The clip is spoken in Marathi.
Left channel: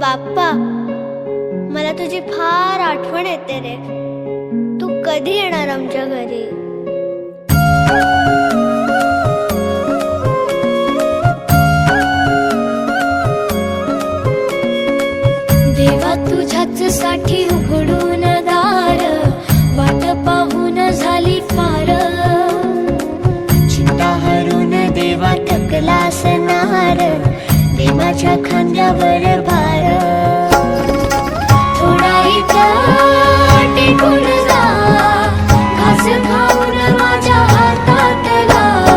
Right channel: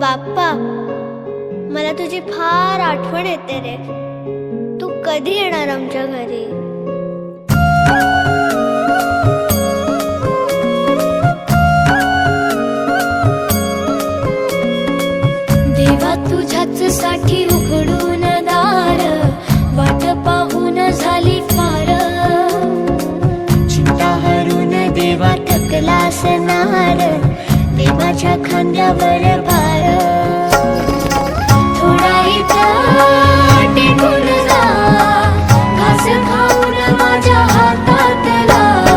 बाप्पा, मला तुझी फार आठवण येते रे. तू कधी येणार आमच्या घरी? देवा तुझ्याच साठी उघडून दार, वाट पाहून झाली फार. चिंता हरून देवा थकला असणार, दे माझ्या खांद्यावर भार. थोडा इथं टेकून जा, घास खाऊन माझ्या हातातला.